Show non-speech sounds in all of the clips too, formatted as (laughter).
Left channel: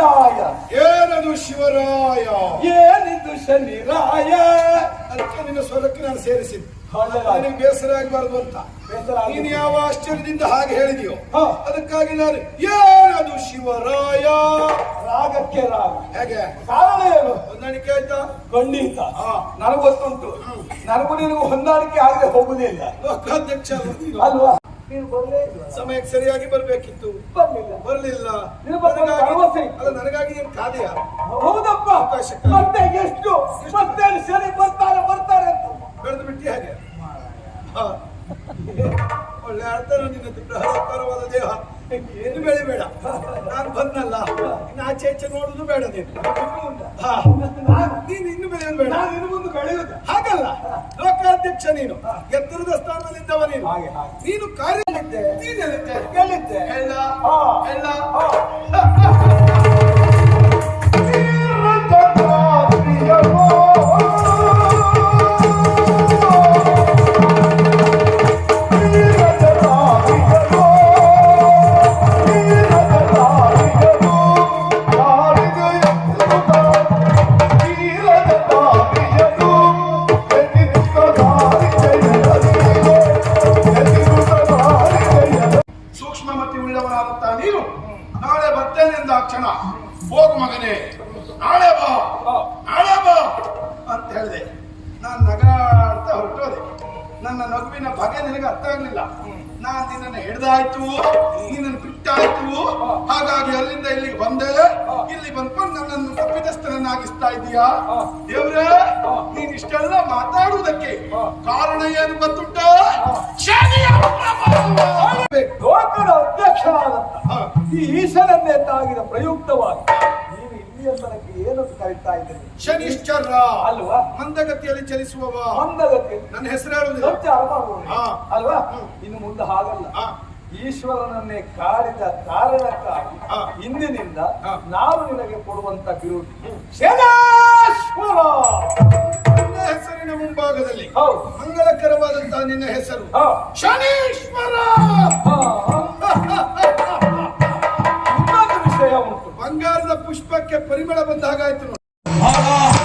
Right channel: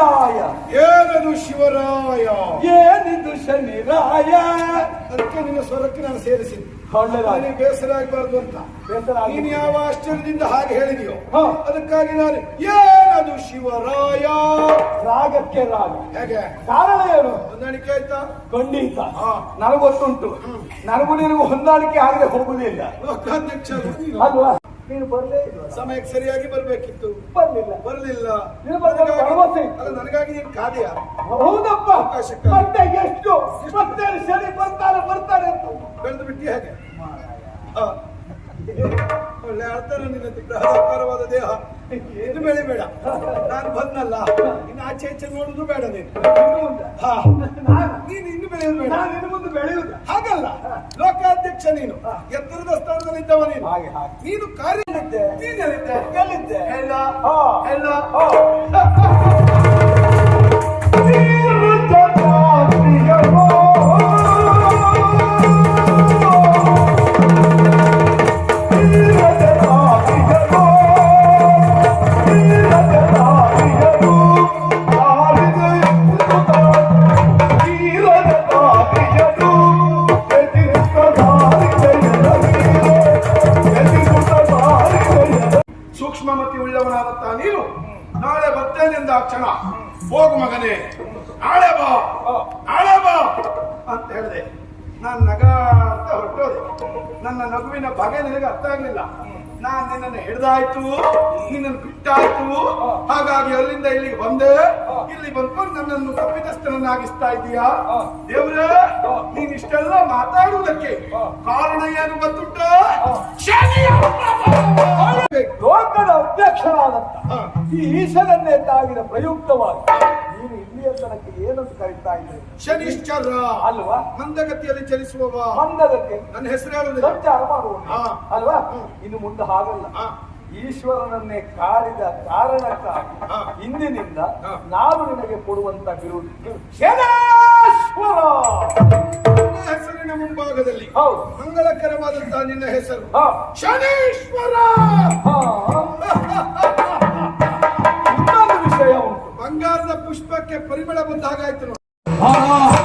ಶನಿರಾಯ. ಏನದು ಶಿವರಾಯ? ಏನಿದು ಶನಿರಾಯ? ಅದಕ್ಕೆ ನಿನ್ನ ಸ್ವರಕ್ಕೆ ನಾನು ಸೇರಿಸಿದ್ದು. ನಿನಗೆ ಬೇಸರ ಆಗಬಾರ್ದು ಅಂತ. ನೀನು ಯಾವ ಆಶ್ಚರ್ಯದಿಂದ ಹಾಗೆ ಹೇಳಿದೆಯೋ ಹಾ. ಅದಕ್ಕಾಗಿ ನಾನು ಏನದು ಶಿವರಾಯ? ರಾಗಕ್ಕೆ ರಾಗ. ಹೇಗೆ? ಕಾರಣ ಏನು? ಹೊಂದಾಣಿಕೆ ಆಯ್ತಾ? ಖಂಡಿತ. ಹಾ. ನನಗೊತ್ತುಂಟು. ನನಗೂ ನಿನಗೂ ಹೊಂದಾಣಿಕೆ ಆಗದೆ ಹೋಗುದಿಲ್ಲ ಲೋಕಾಧ್ಯಕ್ಷ ಅಲ್ವಾ? ನೀನು ಬರಲೇ ಇಲ್ಲ ಸಮಯಕ್ಕೆ ಸರಿಯಾಗಿ ಬರಬೇಕಿತ್ತು. ಬರಲಿಲ್ಲ. ಬರಲಿಲ್ಲ. ನೀನು ನನಗಾಗಿ ಅಲ್ಲ ನನಗಾಗಿ ನೀನು ಖಾದಿಯ. ಹೌದಪ್ಪ. ಅವಕಾಶಕ್ಕೆ. ಮತ್ತೆ ಎಷ್ಟು? ಮತ್ತೆ ಸರಿ ಬರ್ತಾರೆ ಬರ್ತಾರೆ ಅಂತ. ಬೆಳೆದು ಬಿಟ್ಟಿ ಹಾಗೆ. ಒಳ್ಳೆ ಅರ್ಥ ನಿನ್ನ ಪ್ರಹಾರಕಾರವಾದ ದೇಹ. ಏನು ಬೆಳಿಬೇಡ ನಾನು ಬಂದಲ್ಲ ಇನ್ನು ಆಚೆ ಆಚೆ ನೋಡುದು ಬೇಡ ನೀನು? ಹಾ. ನಾನು ನೀನು ಇನ್ನು ಬೆಳೆಯಬೇಡ ಬೇಡ. ನಾನು ಇನ್ನು ಮುಂದೆ ಬೆಳೆಯುವುದು. ಹಾಗಲ್ಲ. ಲೋಕಾಧ್ಯಕ್ಷ ನೀನು. ಎತ್ತರದ ಸ್ಥಾನದಲ್ಲಿದ್ದವ ನೀನು. ಹಾಗೆ ಹಾಗೆ. ನೀನು ಕಾರ್ಯ ಎಲ್ಲಿದ್ದೆ? ನೀನೆಲ್ಲಿದ್ದೆ? ಎಲ್ಲಿದ್ದೆ? ಹೇಳ ಹಾ. ಹೇಳ (laughs) ನಾನ್ ನಿನ್ನನ್ನು ಹಿಡ್ದಾಯ್ತು ನಿನ್ನನ್ನು ಬಿಟ್ಟಾಯ್ತು ಹಾಗಾಗಿ ಅಲ್ಲಿಂದ ಇಲ್ಲಿಗೆ ಬಂದೆ ಇಲ್ಲಿ ಬಂದ್ಕೊಂಡು ನನ್ನನ್ನು ತಪ್ಪಿತಸ್ಥರನ್ನಾಗಿಸ್ತಾ ಇದೀಯಾ ದೇವ್ರೇ ನೀನ್ ಇಷ್ಟೆಲ್ಲ ಮಾತಾಡುವುದಕ್ಕೆ ಕಾರಣ ಏನು ಗೊತ್ತುಂಟ ಪ್ರಭಾವ. ಲೋಕದ ಅಧ್ಯಕ್ಷನಾದಂತ ಹಾ. ಈ ಈಶನನ್ನೇ ತಾಗಿದ ಪ್ರಯುಕ್ತವಾಗಿ ನೀನು ಇಲ್ಲಿಯ ತನಕ ಏನಂತ ಕರೀತಾ ಇದ್ದೇನೆ ಶನಿಶ್ಚರ ಅಲ್ವಾ ಮಂದಗತಿಯಲ್ಲಿ ಚಲಿಸುವವ ಮಂದಗತಿ ನನ್ನ ಹೆಸರು ಹೇಳುವುದಿಲ್ಲ ಸಂಚಾರ ಮಾಡುವುದು ಹಾ. ಅಲ್ವಾ. ಇನ್ನು ಮುಂದೆ ಹಾಗಲ್ಲ ಹಾ. ಈಶ್ವರನನ್ನೇ ಕಾಡಿದ ಕಾರಣಕ್ಕಾಗಿ ಹಾ. ಇಂದಿನಿಂದ ಹಾ. ನಾನು ನಿನಗೆ ಕೊಡುವಂತ ಬಿರುದು ಶನೇಶ್ವರ ನನ್ನ ಹೆಸರಿನ ಮುಂಭಾಗದಲ್ಲಿ ಹೌದು ಮಂಗಳಕರವಾದಂತಹ ನಿನ್ನ ಹೆಸರು ಹಾ. ಶನೀಶ್ವರ ಹಾ. ಇನ್ನೊಂದು ವಿಷಯ ಉಂಟು ಬಂಗಾರದ ಪುಷ್ಪಕ್ಕೆ ಪರಿಮಳ ಬಂದ ಹಾಗಾಯ್ತು ನೋಡಿ. 好了。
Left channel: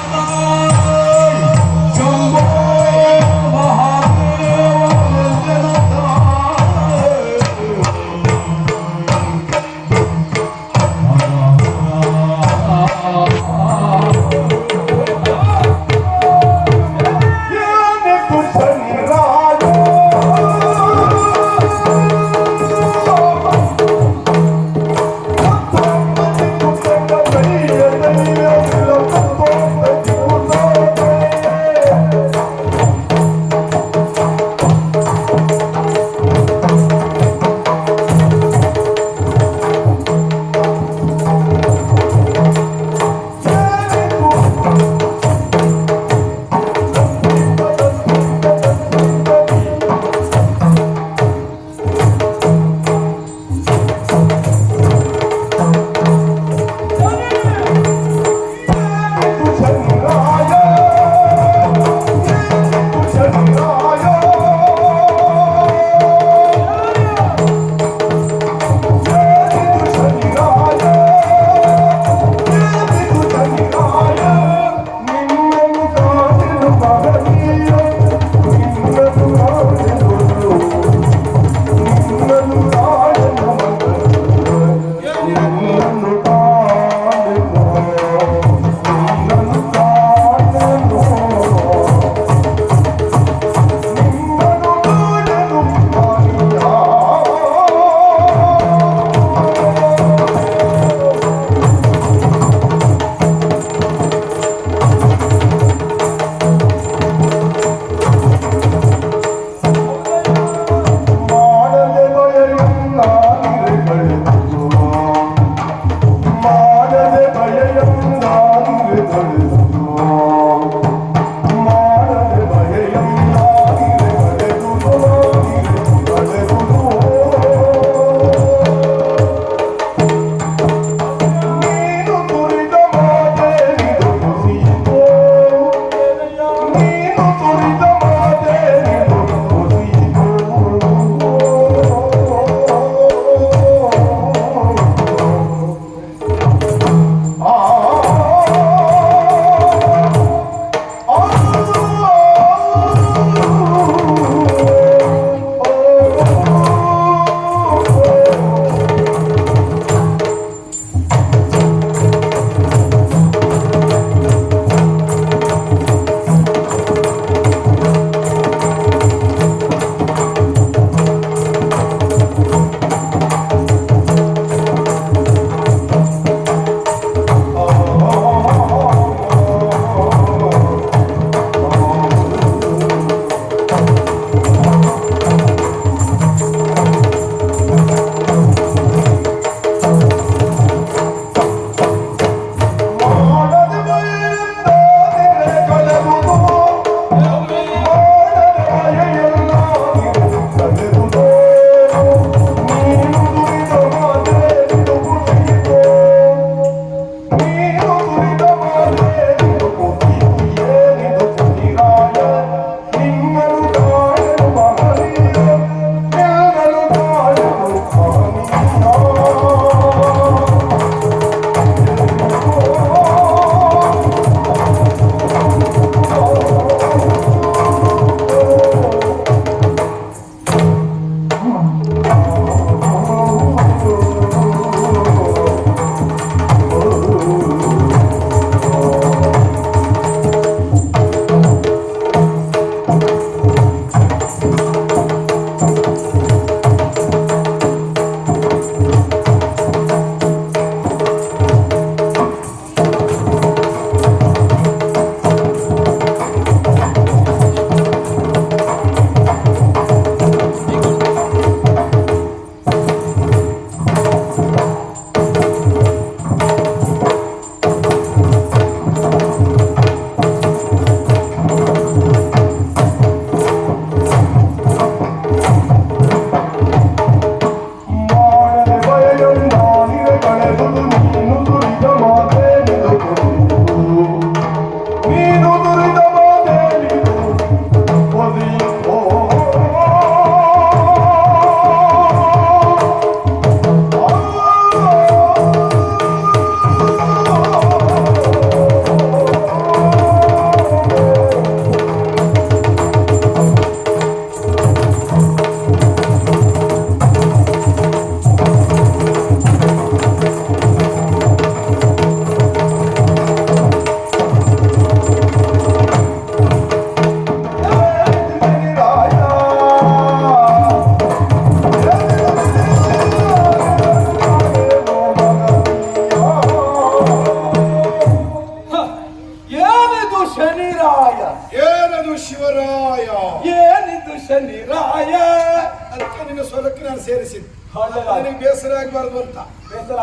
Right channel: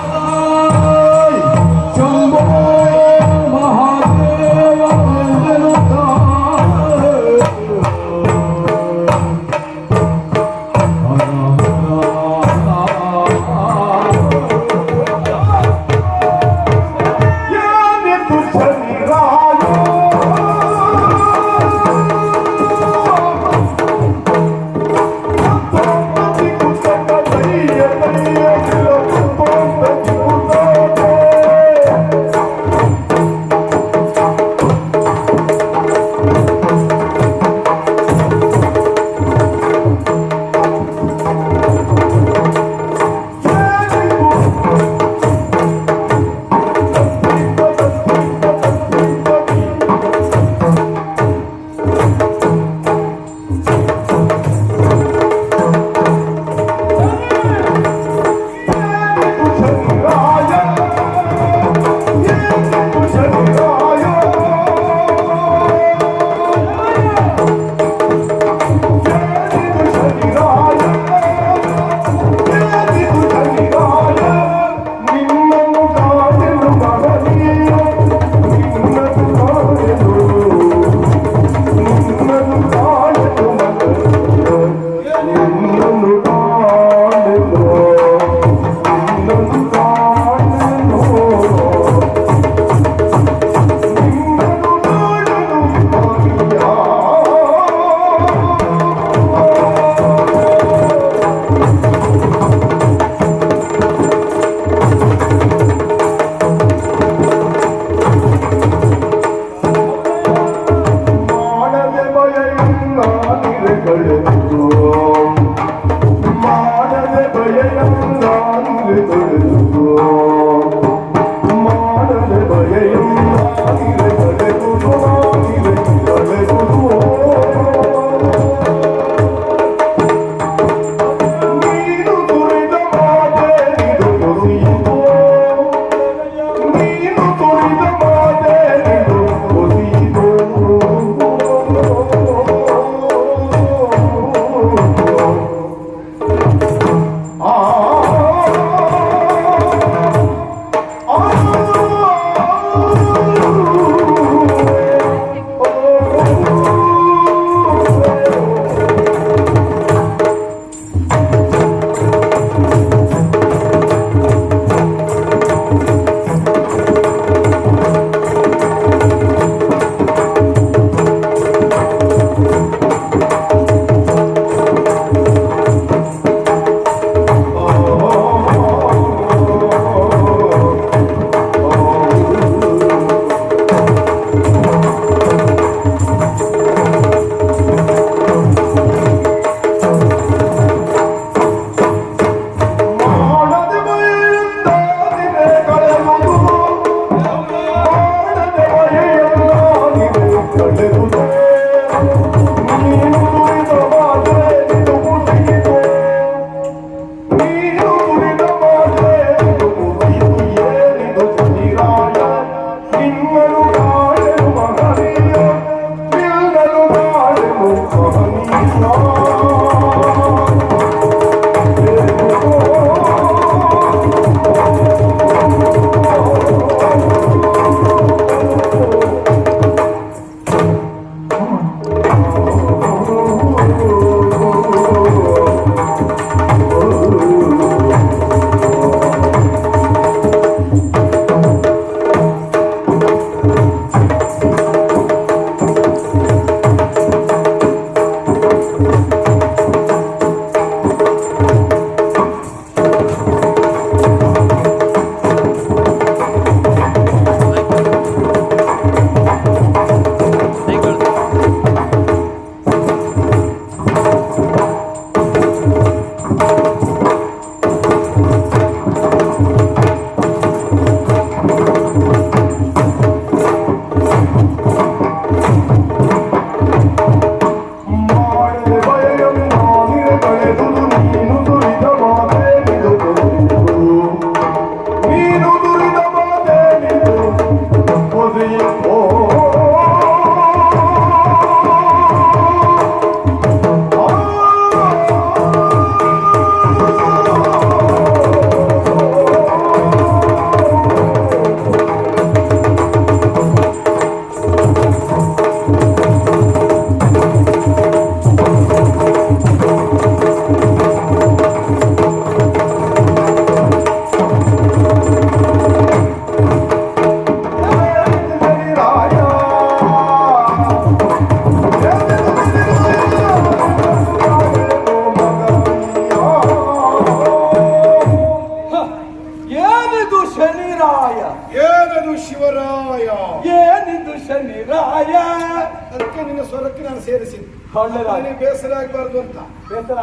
ಸೇರಿಸಿದ್ದು ಒಳ್ಳೆದಾಯ್ತು. ನಿನಗೆ ಬೇಸರ ಆಗಬಾರ್ದು ಅಂತ.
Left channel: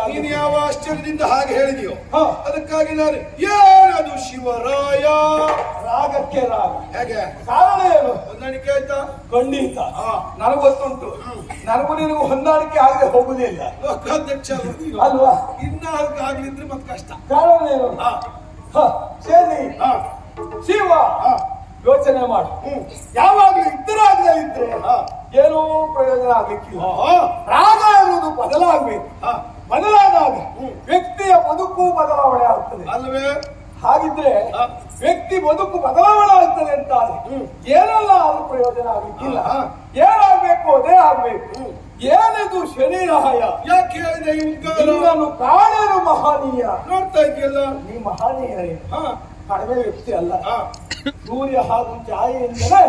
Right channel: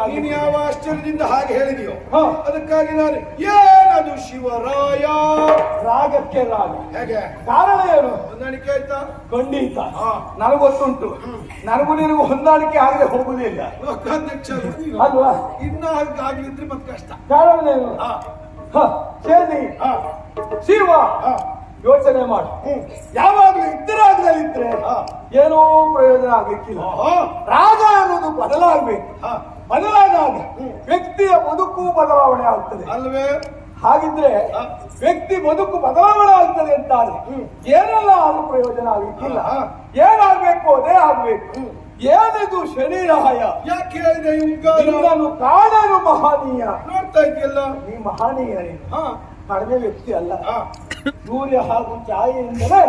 ನೀನು ಯಾವ ಆಶ್ಚರ್ಯದಿಂದ ಹಾಗೆ ಹೇಳಿದೆಯೋ. ಅದಕ್ಕಾಗಿ ನಾನು ಏನದು ಶಿವರಾಯ. ರಾಗಕ್ಕೆ ರಾಗ. ಹೇಗೆ? ಕಾರಣ ಏನು? ಹೊಂದಾಣಿಕೆ ಆಯ್ತಾ? ಖಂಡಿತ. ನನಗೊತ್ತುಂಟು ನನಗೂ ನಿನಗೂ ಹೊಂದಾಣಿಕೆ ಆಗದೆ ಹೋಗುದಿಲ್ಲ. ಲೋಕಾಧ್ಯಕ್ಷ ಅಲ್ವಾ ನೀನು? ಇನ್ನ ಆಗ್ಲಿದ್ರೆ ಮತ್ತೆ ಕಷ್ಟ. ಕಾರಣ ಏನು? ಹಾ. ಹ, ಸೇರಿ. ಹಾ. ಶಿವ. ಯೋಚನೆ ಮಾಡು ಯಾವಾಗ್ಲೂ ಯಾವಾಗಲೂ ಇದ್ರೆ. ಏನೂ ಪ್ರಯೋಜನ ಆಗ್ಲಿಕ್ಕಿಲ್ಲ. ರಾಗ ಅನ್ನೋದು ಬದಲಾಗಬೇಕು. ಬದಲಾದಾಗ. ವ್ಯಕ್ತಿಯ ಬದುಕು ಬದಲಾವಣೆ ಆಗ್ತದೆ ಅಲ್ವೇ ಹಾಗಿದ್ರೆ. ವ್ಯಕ್ತಿ ಬದುಕು ಬದಲಾವಣೆ ಆಗ್ತದೆ ಹ್ಮ್. ಏನೆಲ್ಲ ಅದು ಪ್ರಯೋಜನ ಆಗ್ಲಿಕ್ಕಿಲ್ಲ. ಏನಾಗ್ಬೇಕು ಅದೇ ಆಗ್ಬೇಕು. ಏನಿದು ಶರೀರಾಯ ಯಾಕೆ ಹೇಳಿದೆ ಮಹಾನೀಯ ನಿನ್ನನ್ನು ಕಾಣಲು ಮಹಾನೀಯ ನೋಡ್ತಾ ಇದೆಯಲ್ಲ ನೀ ಮಹನೀಯ ಕಡಿಮೆ ವ್ಯಕ್ತಿ ಅಲ್ಲ. ಸೂರ್ಯ ಹಾಗೂ ಛಾಯೆಯಿಂದಲೇ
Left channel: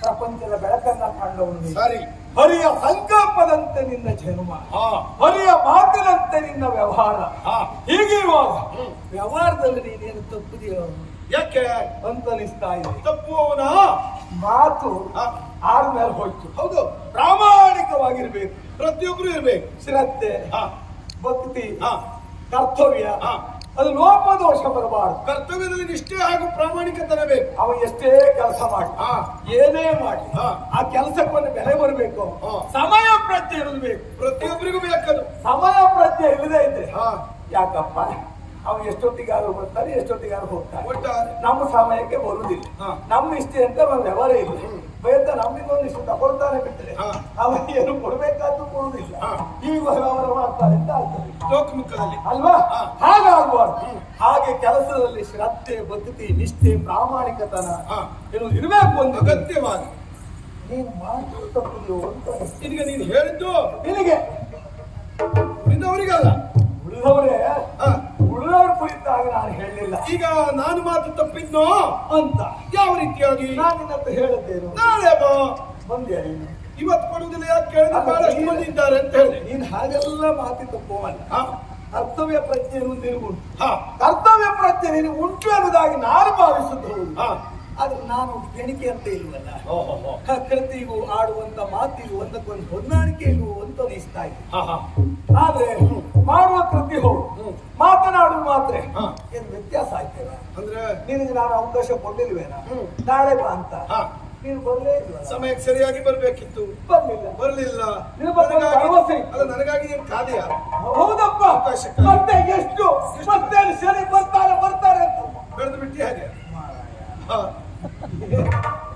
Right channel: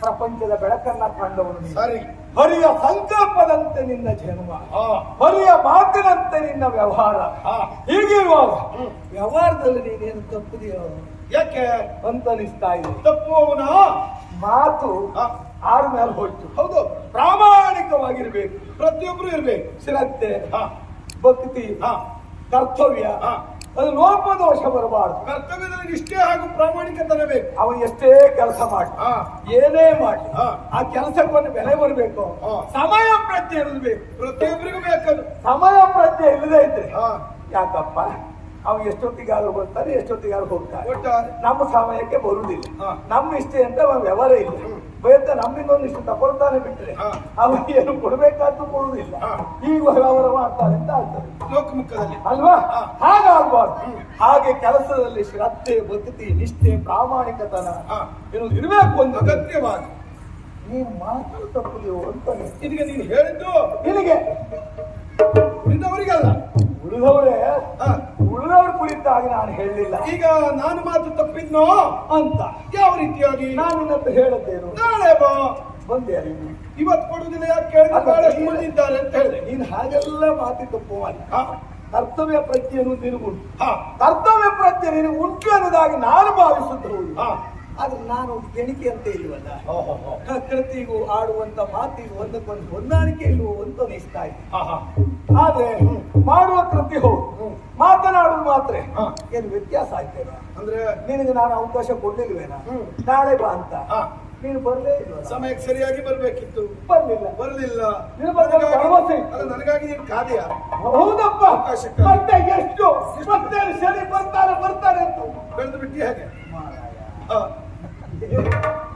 ಪ್ರಪಂಚದ ಬೆಳಕನ್ನ ಕಂಡವನು ಸರಿ. ಹರಿಯ ಸಂಕಲ್ಪದಂತೆ ನಿನ್ನ ಜನ್ಮ. ಹಾ. ಹರಿಯ ಮಾತಿನಂತೆ ನಿನ್ನ ವ್ಯವಹಾರ. ಹೀಗಿರುವಾಗ. ವ್ಯವಹಾರದಲ್ಲಿ ನೀನೇನು ತಪ್ಪುದೆಯೋ ಯಾಕೆ? ಅಂತ ಅನಿಸ್ತಾ ಇದೆ ತಪ್ಪುವವನ ಮಾತು ಆರು ಮೇಲೆ ಹೋಯ್ತು. ಹೌದು. ಪ್ರಾಮಾಣಿಕವಾಗಿರ್ಬೇಕು. ಪ್ರತಿಯೊಬ್ರು ಇರ್ಬೇಕು. ಶ್ರದ್ಧೆ ಹಾ. ಭಕ್ತಿ ಹಾ. ಕರ್ತವ್ಯ ಹಾ ಲೋಪ ದೋಷ ಬರಬಾರದು. ಕರ್ತವ್ಯದಲ್ಲಿ ನಿಷ್ಠೆ ಹಾಗೂ ಪ್ರಾಮಾಣಿಕತನ ಬೇಕು. ಅವ ಎಷ್ಟೇ ಕೆಲಸ ಮಾಡಿ ಏನೇ ಮಾಡಿ ಹಾ. ಆ ಕೆಲಸಕ್ಕೊಂದು ಬೆಲೆ ಬರಬೇಕು. ಸಮಯ ಪ್ರಜ್ಞೆ ಇರಬೇಕು ಬೇಕು. ಪ್ರತಿಯೊಬ್ಬರಿಗೂ ಬೇಕದು ಸಮಯ ಪ್ರಜ್ಞೆ ಇಲ್ಲದೆ ಇದ್ರೆ ಯಾಕಪ್ಪ? ಅವ್ ಎಷ್ಟೊತ್ತಿಗಾದ್ರೂ ಬರ್ತಾನೆ ಎಷ್ಟೊತ್ತಿಗಾದ್ರೂ ಹೋಗ್ತಾನೆ ನಮ್ಮ ಸಮಯಕ್ಕೆ ಬರುವುದಿಲ್ಲ. ನಮ್ಮ ಇಷ್ಟ ಅಂತ ಒಂದು ವ್ಯವಹಾರ ಇಲ್ಲ. ಬೇರೆ ನಮ್ಮಿಂದ ಒಂದಿಷ್ಟು ಇಷ್ಟು ತಗೊಳ್ತಾನೆ ಬಿಟ್ರೆ ಅವ್ರಿಗೆ ಅವ ಏನು ಕೊಡಬೇಕಾದ್ರೂ ಕೊಡುವುದಿಲ್ಲ. ಈ ವ್ಯವಹಾರ ಮಾಡ್ತಾರೆ ಅಂತ ಆಗ್ತದೆ. ಲೋಕಮುಖದಲ್ಲಿ. ಅಲ್ವಾ? ಹಾಗಾಗಬಾರ್ದು. ಹಾಗೆ ಕೆಲಸದಲ್ಲಿ ಶ್ರದ್ಧೆ ಭಕ್ತಿ ನಿಷ್ಠೆ ಪ್ರಾಮಾಣಿಕತನ ಏನು ಎನ್ನುವುದು ಇರಬೇಕು ಒಂದು. ಅಗತ್ಯವಾಗಿ. ನೀನ್ ಮಾತು ತಪ್ಪುದೆಯೋ ಅಂತ. ನಿನಗೆ ನೀನು ಹೇಳಿದ್ದು ನಿನಗೆ. ಉಳಿದವರಿಗಲ್ಲ. ಉಳಿದವರೇ ಹಾ. ಉಳಿದವ್ರ ಕುರಿತಾಗಿ ನಾನು ಹೇಳಲಿಲ್ಲ. ಈಗ ನಾನು ಮಾತು ತಪ್ಪಿದ್ನೋ? ಅಂತ. ಯಾವ ರೀತಿಯಾಗಿ? ನಾನು ನಿನ್ನಂತ ಹೇಳದ್ದೇನು? ನಾಳೆ ಬಾ. ಬಂದೆ ನೀನು ಇವತ್ತು ಕೊಡುವುದಿಲ್ಲ ಯಾಕೆ ಕೇಳಿದ್ರೆ? ಬಹಳಷ್ಟು ಮಂದಿ ಇದ್ದಾರೆ ಅಂತ ಹೇಳಿದೆ ನೀನು ಹಾಗೆಲ್ಲ ಮಾತಿ ತಪ್ಪುವಲ್ಲ ಕರ್ತವ್ಯ ಪ್ರಜ್ಞೆ ಅನ್ನೋದು ನಿನಗುಂಟು. ಹಾ. ಕರ್ತವ್ಯ ಪ್ರಜ್ಞೆ ನಿನಗೆ ಉಂಟು ಅನ್ನೋದಾಗಿ ನಾನು ಭಾವಿಸುತ್ತ ಆದ್ರೆ ಅದು ನಾನು ಎಣಿಕೆ ಅಂತ ಇಲ್ವಲ್ಲ? ಕೃತಿಗೂ ಆಡುವಂತ ಮಾತಿಗೂ ಒಂದಕ್ಕೊಂದು ಹೊಂದಾಣಿಕೆ ಇಲ್ವೋ ಅಂತ ಅನಿಸ್ತಾ ಹಾ ಆದ್ರೆ ಮಾಡುವ ಕೃತಿ ಹೌದು. ಮಾತನಾಡುದು ಮಾತ್ರ. ಏನ್ ವ್ಯತ್ಯಾಸ ಆಯ್ತೇನ ಅಂದ್ರೆ ನಿನಗೆ ನಾನು ಅವಕಾಶ ಕೊಡ್ಲಿಲ್ವೇನ. ನಾಳೆ ಬಾ ಅಂತ. ನೀನು ಬರಲೇ ಇಲ್ಲ ಸಮಯಕ್ಕೆ ಸರಿಯಾಗಿ ಬರಬೇಕಿತ್ತು. ಬರ್ಲಿಲ್ಲ. ಬರ್ಲಿಲ್ಲ. ನೀನು ಭರವಸೆ. ಅಲ್ಲ ನನಗಾಗಿ ನೀನು ಕಾದೆಯ ಹೌದಪ್ಪ. ಮತ್ತೆ ಎಷ್ಟು? ಮತ್ತೆ ಸರಿ ಬರ್ತಾರೆ ಬರ್ತಾರೆ ಅಂತ. ಬೆಳೆದು ಬಿಟ್ಟಿ ಹಾಗೆ?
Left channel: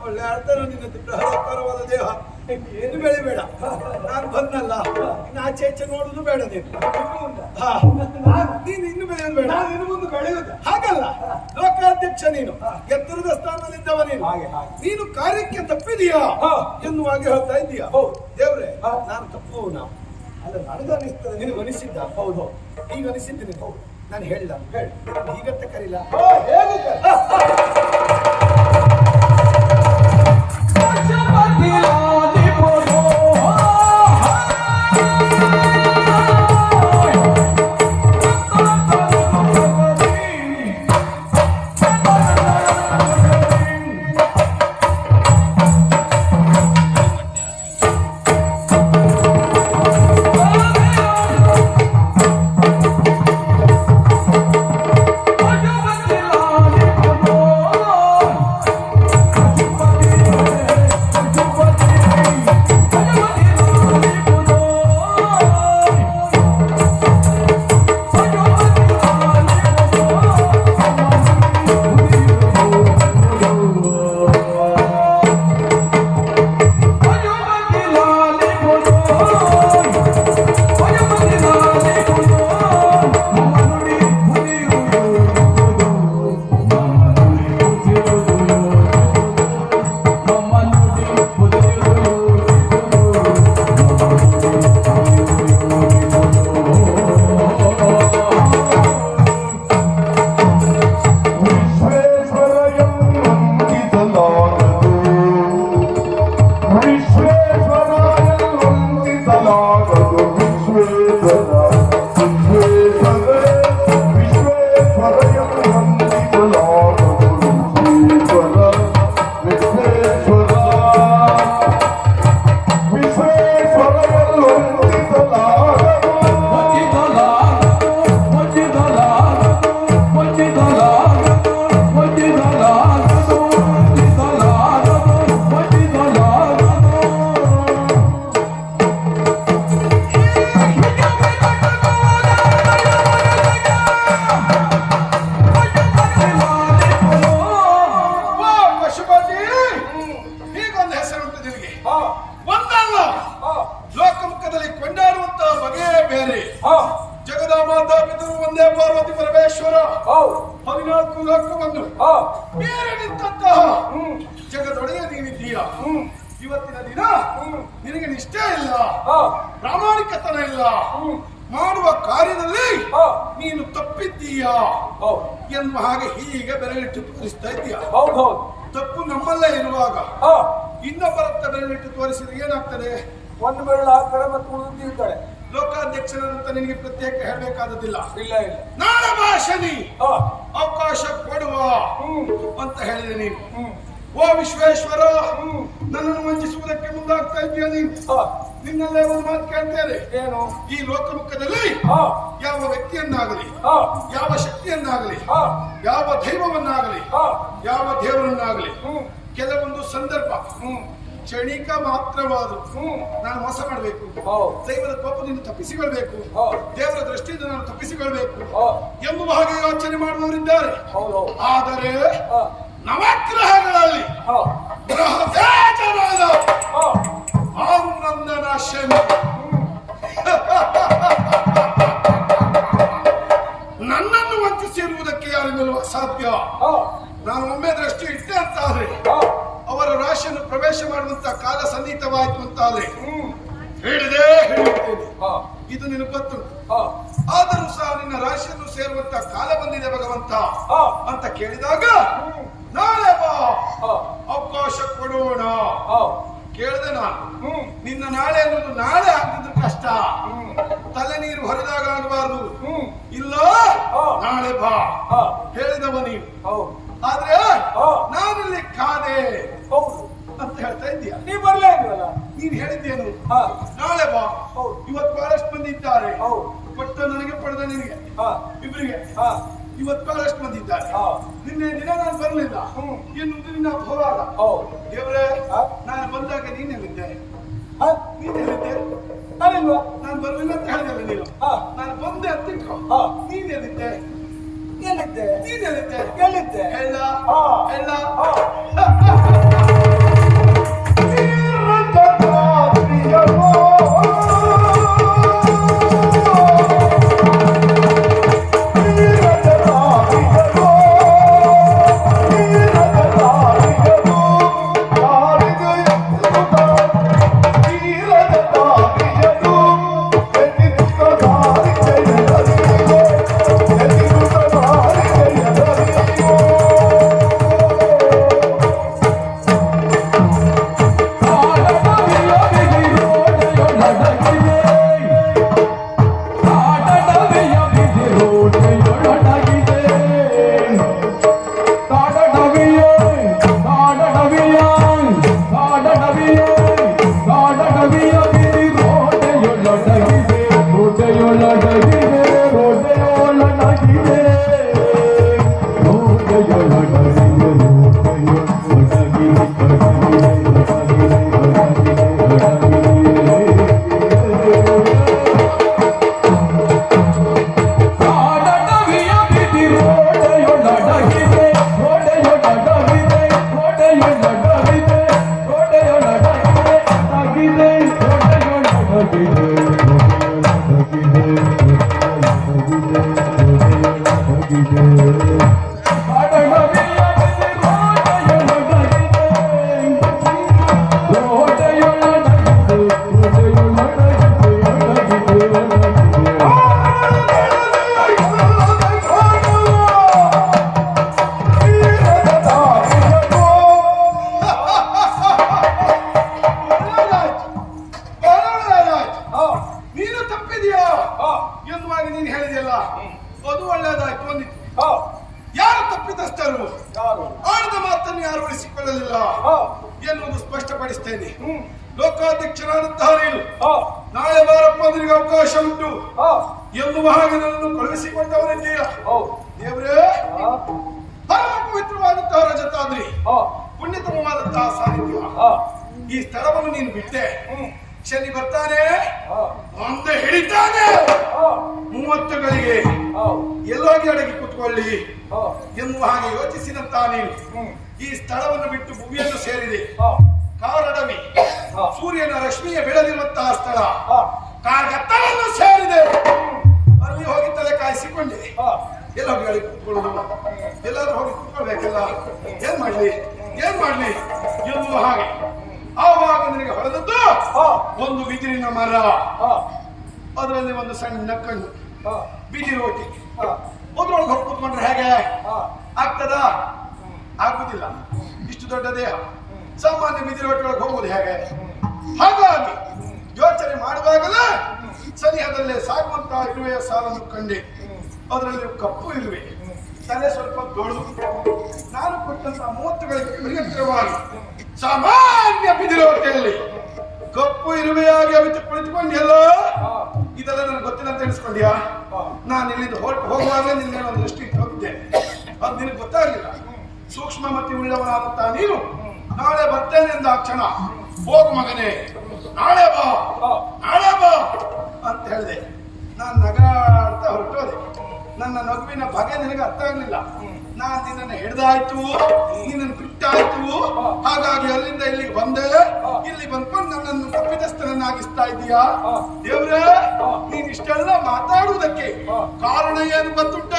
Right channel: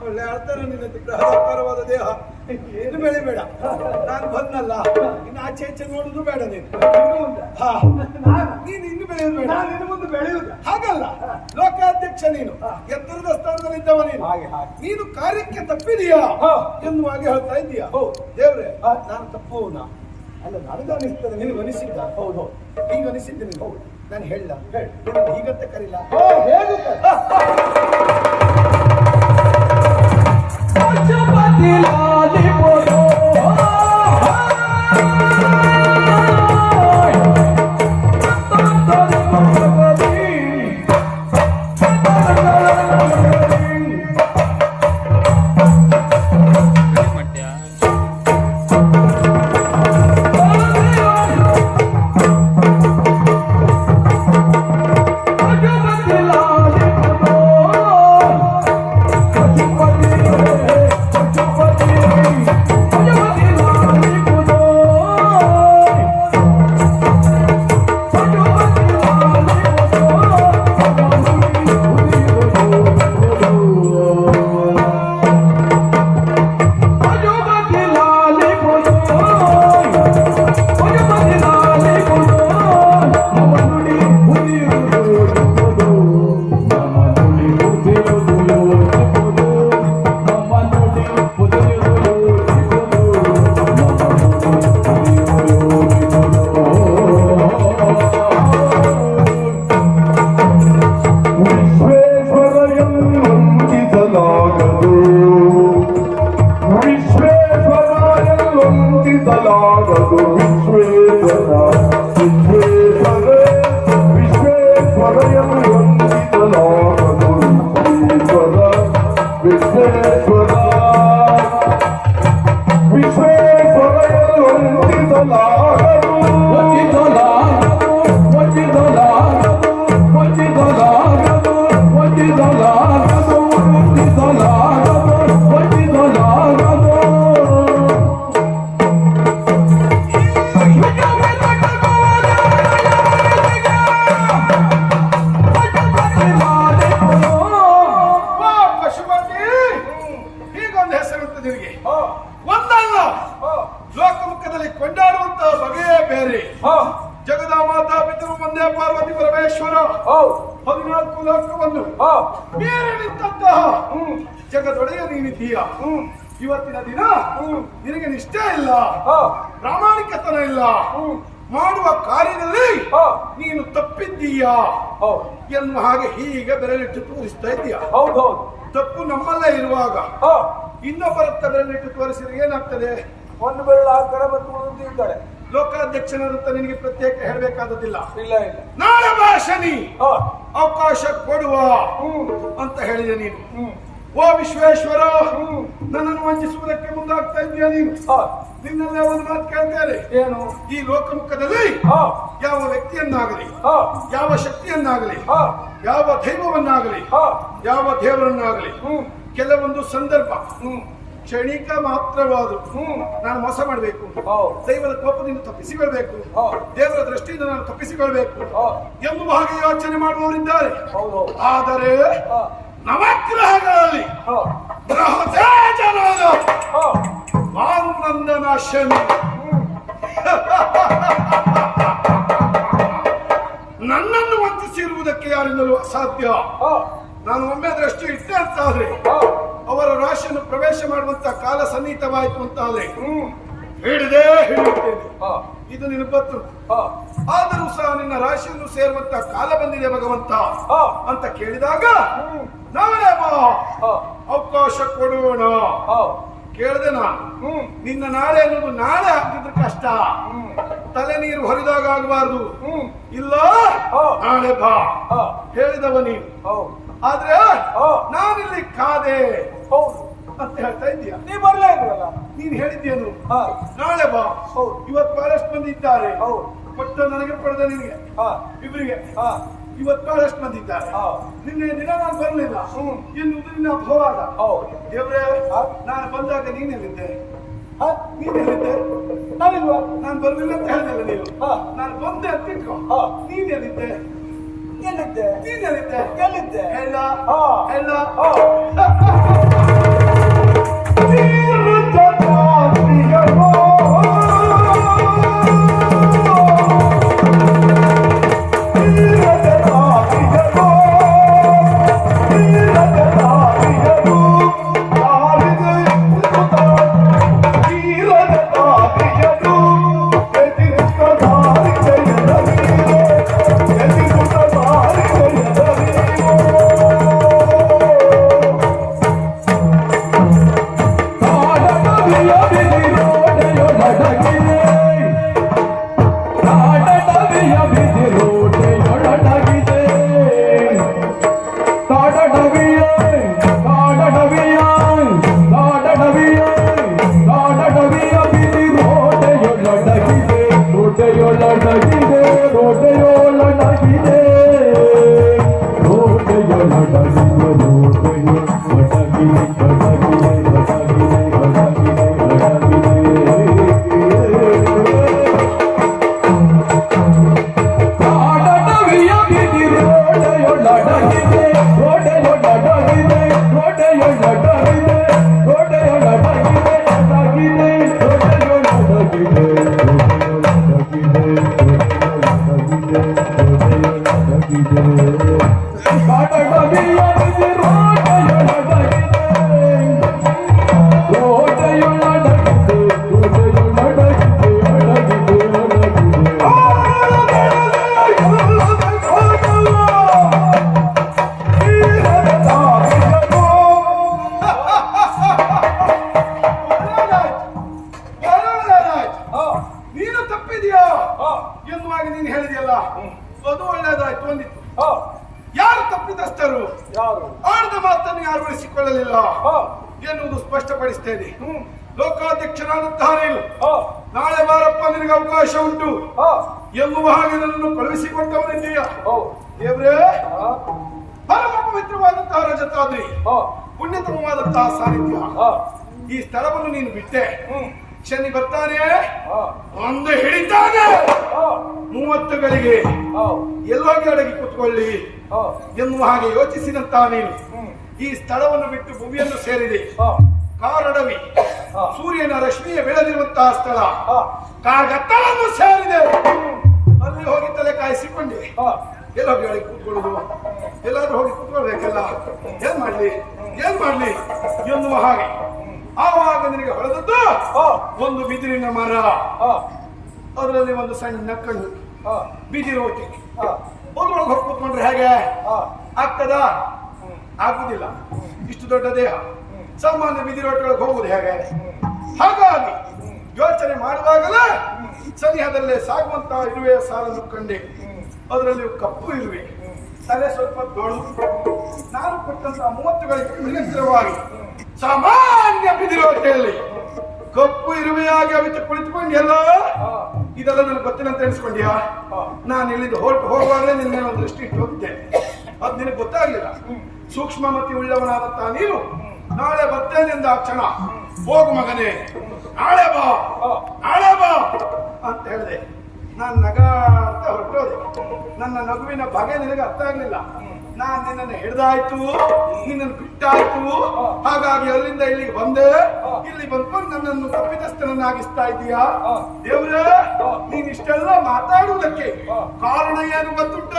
ಒಳ್ಳೆ ಅರ್ಥ ನಿನ್ನ ಬೃಹದಾಕಾರವಾದ ದೇಹ. ಏನು ಬೆಳಿಬೇಡ. ನಾನು ಬಂದ್ನಲ್ಲ. ಇನ್ನು ಆಚೆ ಆಚೆ ನೋಡುದು ಬೇಡ ನೀನು. ಹಾ. ನಾನು ನೀನು ಇನ್ನು ಬೆಳೆಯಬೇಡ ಬೇಡ. ನಾನು ಇನ್ನು ಮುಂದೆ ಬೆಳೆಯುವುದು. ಹಾಗಲ್ಲ. ಲೋಕಾಧ್ಯಕ್ಷ ನೀನು. ಎತ್ತರದ ಸ್ಥಾನದಲ್ಲಿದ್ದವ ನೀನು. ಹಾಗೆ ಹಾಗೆ. ನೀನು ಕಾರ್ಯಕ್ಕೆ ತಪ್ಪಿದೀಯಾ. ಎನ್ನುವ ಹಾಗೆ ಹೇಳ್ತಾ ಇದ್ದೀಯಾ? ಹೌದು. ದೇವ್ರೆ. ನಾನು ಅಂದ್ರೆ ಅಲ್ಲ. ನನಗನ್ನಿಸ್ತದೆ ನಿನಗೆ ಅನಿಸಿದ್ದ ಹೌದು ಹೌದು. ಈಗ ಅನಿಸಿದ್ದೆ ನೀನು ನಾನು ಹೇಳ ಹೇಳಿ. ನಿನ್ನನ್ನು ಹೀಗಂತ ಕರೀಲ? ಇರುವಾಗ ಹಾ. ಇನ್ನೊಬ್ಬರತ್ತ ಬೆರಳಿಟ್ಟು ತೋರಿಸಿದ್ರೆ ಏನಾಗ್ತದೆ? ಒಂದು ಬೆರಳು ಆಗ್ತಾರೆ ಮತ್ತು ಇರ್ತಾರೆ ಲೋಕಾಧ್ಯಕ್ಷನಂತ ನಿನಗೆ ಪ್ರತ್ಯೇಕ ಹೇಳಬೇಕಾದದಿಲ್ಲ ಇಲ್ಲ ಇಲ್ಲ. ನಾಳೆ ಬಾ ಶನಿ ಹಾ. ಅವಕಾಶ ಕೊಡುವ ಅಂತ ಹೇಳಿದೆ ನೀನು. ಓ ವಿಶ್ವೇಶ್ವರ ನನ್ನನ್ನು ವಂಚಿಸುವುದಕ್ಕೆ ಮುಂದಾಗ್ತಾ ಇದೆಯಾ ನೀನು? ಹಾ. ನಿನ್ನೆಲ್ಲ ಒಂದು ಮಾತು ಕೇಳ್ತೇನೆ. ಏನು? ಈ ಲೋಕಮುಖದಲ್ಲಿ ಹಾ. ಯಾವ ವ್ಯಕ್ತಿಯನ್ನಾಗಲಿ ಹಾ. ಯಾವ ಶಕ್ತಿಯನ್ನಾಗಲಿ ಹಾ. ಯಾವ ದೈವವನ್ನಾಗಲಿ ಹಾ. ಯಾವ ದೇವರನ್ನಾಗಲಿ ಹ್ಮ್. ಕೆಲವೊಂದು ಸಂದರ್ಭ. ಹ್ಮ್. ಕ್ಷಣಿಕ ಮಾತ್ರವಾದ. ಹ್ಮ್. ನಾನು ಮೋಸ ಮಾಡಬೇಕು. ದೈವದ ಕೋಪದಿಂದ ತಪ್ಪಿಸಿಕೊಳ್ಬೇಕು. ದೇವರ ದೃಷ್ಟಿಯಿಂದ ನಾನು ತಪ್ಪಿಸಿಕೊಳ್ಬೇಕು. ಎಂಬ ಎಂಬುವ ಹಾಗೆ ಯೋಚನೆ ಮಾಡುವವರಿದ್ದಾರೆ. ಆದರೆ ನವಗ್ರಹಗಳಲ್ಲಿ ಶನಿ (laughs) ನನ್ನನ್ನು ವಂಚಿಸಿರುವುದಕ್ಕೆ ಯಾರಿಂದಲೂ ಅಸಾಧ್ಯ. ನಾನು ಒಮ್ಮೆ ದೃಷ್ಟಿ ಇಟ್ಟೆ ಅವರ ರಾಶಿಯನ್ನು ಪ್ರವೇಶ ಮಾಡುವಂತ ಕಾಲ ಸನ್ನಿಹಿತವಾಯಿತು ಅಂತಾದ್ರೆ ಅಲ್ಲಿ ಹಿಡಿದೇ ಹಿಡಿಯುತ್ತೇನೆ. ಇದು ನಿನ್ನ ಗೊತ್ತು ಆದರೂ ಸಹ ನಿನ್ನ ರಾಶಿಯನ್ನು ಸೇರುವಂತ ಕಾಲ ಬಂದಿದೆ ಭಗವಂತ ಅಂತ ಕೇಳಿದಾಗ ನಾಳೆ ಬಾ ಅವಕಾಶ ಕೊಡೋಣ. ಕೇಳಿದೆ ನಾನು ನಿನ್ನ ನಾಳೆ ಅನ್ನೋದು ನಾಳೆ ಆಗಿದ್ರೆ ಕಷ್ಟ. ತಲೆ ನೀರು ಹೊರಿದಾಗ ಆಗಬಾರ್ದು. ಇಲ್ಲ. ನಾಳೆ ಬಾ. ಹೇಳಿದವ ನೀನು. ಆದ್ರೆ. ನಾನಿಲ್ಲಿ ಕಾದೆ ಹೌದು. ಅಂತ ಹೇಳ್ತಾ ಇದ್ದೀಯ? ನೀ ಬರ್ಲೇ ಇಲ್ವಲ್ಲ? ನೀನ್ ಹೇಳಿದ್ದೇನು? ಹಾ. ನಾಳೆ ಬಾ. ಇವತ್ ಇವತ್ತು ಬಹಳಷ್ಟು ಮಂದಿ ಇದ್ದಾರೆ. ಕೊಟ್ಟು ನನಗೆ ಪಡೆದ ನಿನಗೆ. ಇಬ್ಬರಿಗೆ ಹಾ. ಇವತ್ತು ಬಹಳಷ್ಟು ಮಂದಿ ಇದ್ದಾರೆ. ನಿನ್ನೆ ದಿನ ನಾನು ಬರಲಿಲ್ಲ. ಎನ್ನುವುದು ನಿನ್ನ ಅಪವಾದ. ಹೌದು. ದೇವ್ರೆ. ನಾನು ಬಂದಾಗ ನೀನೆಲ್ಲಿದ್ದೆ ಹಾ. ಹೇಳಿದ್ದೆ ನಾನಿಲ್ವಾ? ನಾನು ಬರ್ಲಿಲ್ಲ ಅಂತ ಹೇಳಿದಲ್ಲ ನೀನು. ಹಾ. ನಾನು ಬಂದೆ ಅಂತ ಇಟ್ಕೋ ಎಲ್ಲಿದ್ದೆ ನೀನೆಲ್ಲಿದ್ದೆ ಹಾ ಹೇಳ ಹಾ ಈ ಸ್ಥಳವನ್ನು ನೀನು ಬಿಟ್ಟೆ. ಶನಿ ಬರ್ತಾನೆ. ಅಂದು ಮೂವತ್ತು ಗಳಿಗೆ ಎಲ್ಲೋಗಿ ಅಡಗಿ ಕುತ್ಕೊಳ್ಳಿ ಎನ್ನುವ ಹಾಗೆ ಯೋಚಿಸಿದಂತ ನೀನು. ಈ ಸ್ಥಳವನ್ನು ಬಿಟ್ಟು ಭೂಮಿಯನ್ನು ಸೇರಿದೆ. ಕಾರಡವಿ. ಸೂರ್ಯನ ರಶ್ಮಿಯ ಬೆಳೆದಿರುವಂತಹ ಸ್ಥಳ. ಕಾರ್ಗತ್ತವನ್ನು ಸೇರಿದೆ. ಅಲ್ಲಿ ಹೋಗಿ ತಲೆ ಕಾಯಿಸಿಕೊಂಡೆ ಎಲ್ಲೋಗಿ ಅಡಗಿ ಕೂತ್ಕೊಳ್ಳೋದು ಎಲ್ಲಾದ್ರೂ ಹೋಗಿ ಕೂತ್ಕೊಳ್ಬೇಕಲ್ಲ. ಏನ್ ಮಾಡ್ಲಿ? ಏನ್ ಮಾಡ್ಲಿ? ಎನ್ನುವ ಹಾಗೆ. ಆವಾಗ ನಿನಗೆ ಹೊಳೆದದ್ದು? ಒಂದು ಬಿದಿರಿನ ಮರ. ಅದರಲ್ಲಿ ಒಂದು ಸಣ್ಣ ಕಣ್ಣು. ಬಿದಿರು ಒಟ್ಟಿ ಒಂದ್ರೊಳಗೆ ಅದ್ರೊಳಗೆ ಹೊರ ಕೂತ್ಕೊಂಡ್ರೆ ಹೇಗೆ? ಆಗ್ತದ? ಆಗುದಿಲ್ಲ. ಇಷ್ಟು ದೊಡ್ಡ ದೇಹ. ಸಾಮಾನ್ಯ ಬಿದಿರೋಟೊಳಗೆ ಹೋಗುದು ಹೇಗೆ? ಹಾಗಾಗಿ ಯೋಚನೆ ಮಾಡುವಾಗಲೇ ಸನಿಹದಲ್ಲೇ ಸಾಗುವಂತ ಇರುವೆ ಸಾಲನ್ನು ಕಂಡೆ. ಅದರಲ್ಲಿ ಕಪ್ಪು ಇರುವೆ. ತಲೆ ಸ್ವಲ್ಪ ದೊಡ್ಡ ನಾನು ಕೊಟ್ಟಂತಹ ಮೂವತ್ತುಗಳಿಗೆ ವಿಚಿತ್ರವಾಗಿ ಸಾಮಾನ್ಯ ಬಿದಿರೋಟೆಯಲ್ಲಿ ಕಪ್ಪು ಇರುವೆಯಾಗಿ ಅವಿತು ಕುಳಿತುಕೊಂಡು ಎಲ್ಲ, ಇದೆಲ್ಲ ನನಗೆ ಗೊತ್ತಿಲ್ಲ ಅಂತ ಎಣಿಸ್ಕೊಂಡ್ಯಾ? ನಾನು ಇಲ್ಲಿಂದ ಹೊರಟು ಹೋಗುವಾಗಲೇ ನಿನ್ನೆ ಒಂದು ದೃಷ್ಟಿ ಇಟ್ಟು ಹೋಗಿದ್ದೆ. ಅದು ನಿನಗೆ ಗೊತ್ತಾಗಲಿಲ್ಲ. ಸೂಕ್ಷ್ಮಮತಿ ಉಳ್ಳವನಾದಂತ ನೀನು. ನಾಳೆ ಬರ್ತೇನೆ ಎಂದ ಕ್ಷಣ. ಹೋಗು ಮಗನೇ. ನಾಳೆ ಬಾ. ನಾಳೆ ಬಾ ಅಂತ ಹೇಳಿದೆ. ನಾನು ಅಂತ ಹೊರಟೋದೆ. ನನ್ನ ನಗುವಿನ ಬಗೆ ನಿನಗೆ ಅರ್ಥ ಆಗ್ಲಿಲ್ಲ. ನಾನ್ ನಿನ್ನನ್ನು ಹಿಡ್ದಾಯ್ತು ನಿನ್ನನ್ನು ಬಿಟ್ಟಾಯ್ತು. ಹಾಗಾಗಿ ಅಲ್ಲಿಂದ ಇಲ್ಲಿಗೆ ಬಂದೆ. ಇಲ್ಲಿ ಬಂದ್ಕೊಂಡು ನನ್ನನ್ನು ತಪ್ಪಿತಸ್ಥನನ್ನಾಗಿಸ್ತಾ ಇದೀಯಾ ದೇವ್ರೇ ನೀನ್ ಇಷ್ಟೆಲ್ಲ ಮಾತಾಡುವುದಕ್ಕೆ ಕಾರಣ ಏನು ಗೊತ್ತುಂಟ